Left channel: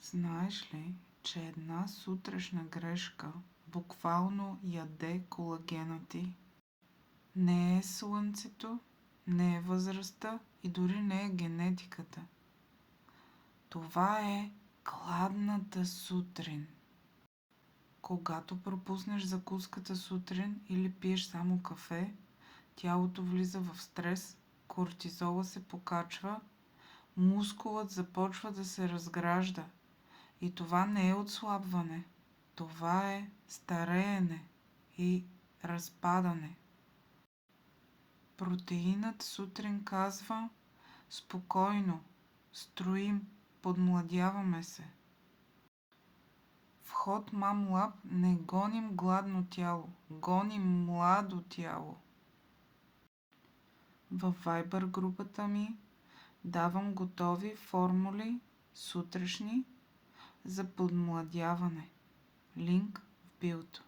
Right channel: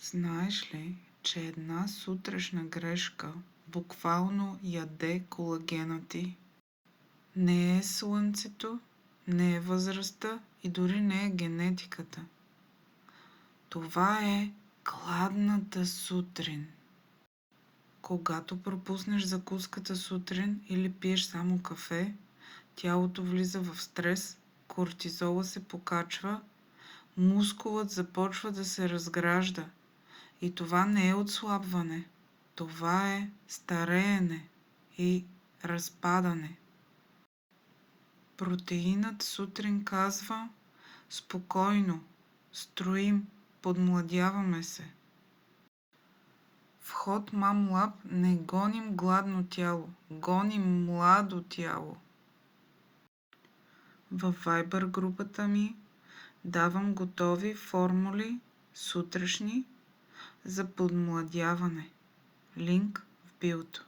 Знаеш ли, че една сутрешна грешка буквално яде колагена ти? Не е слънцето, не е възрастта и дори не е генетиката. Това е гладната сутрин. Когато пропуснеш закуската сутрин или пиеш само кафе, тялото влиза в стрес, кортизола се покачва, мускулът започва да се разгражда. И това не е отслабване, това е стареене и разпадане. Протеинът сутрин казва: спокойно, строим, подмладяваме се. В Hot Mom Lab не гоним гладно тяло, гоним младо тяло. Във Viber групата ми давам готови формули сутрешни за подмладяване. Линк в биото.